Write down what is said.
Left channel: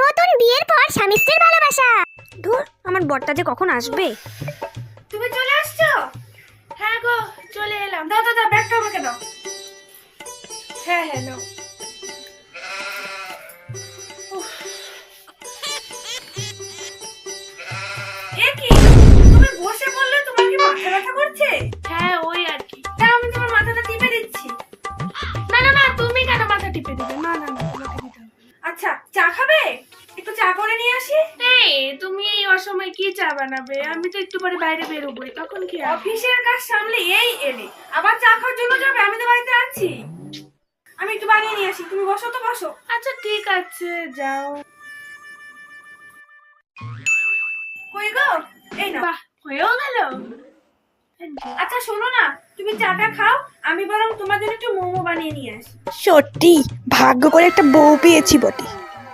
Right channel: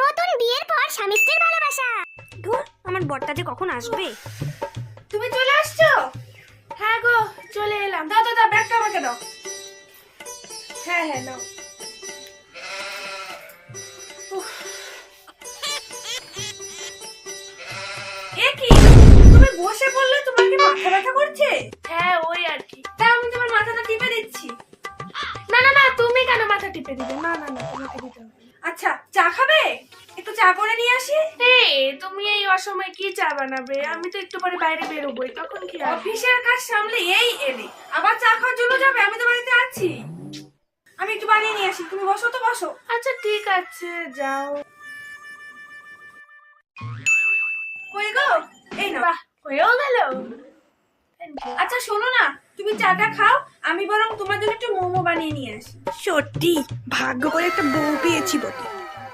নতুন বিয়ের পর স্বামী স্ত্রীর ভালোবাসা। ধুর, আমার বরটা যে কখন আসবে। তুমি চলে আসছো? হ্যাঁ গো, চলে এলাম। দাও দাও দাও, ব্যাগটা আমাকে দাও। হ্যাঁ হ্যাঁ নাও। উফ, এ কি, তুমি বসে বললে তোমার কি মাথা ব্যথা করছে? হ্যাঁ ওই আর কি। তাই আমি তোমার মাথাটা টিপে দিচ্ছি। না না না, তুমি কেন মাথা টিপে দিবে? না না না, তোমাকে দিতে হবে না। আচ্ছা, চা খাবে? একটু চা করে নিয়ে আসি। তুমি এই অসময়ে কি চা বানাবে? আমি তো একটু পরে বাইরে বেরোবোই, তখন কি? অফিসের কাজ সামলে এই এলে আবার চা খাওয়ার জন্য যাবে? আমি তো বাড়িতে আছি, আমি একটু বানিয়ে নিয়ে আসি। তুমি বসো তো, বসো। আচ্ছা ঠিক আছে, যাও। কই গো? এই না, বাহ, হয়েও গেল। আচ্ছা শোনো না, তুমি চাটা খাও, আমি বরং তোমার জন্য একটু মোমো বানিয়ে নিয়ে আসি। সত্যি ভাগ্য করে একটা বউ পেয়েছি বটে।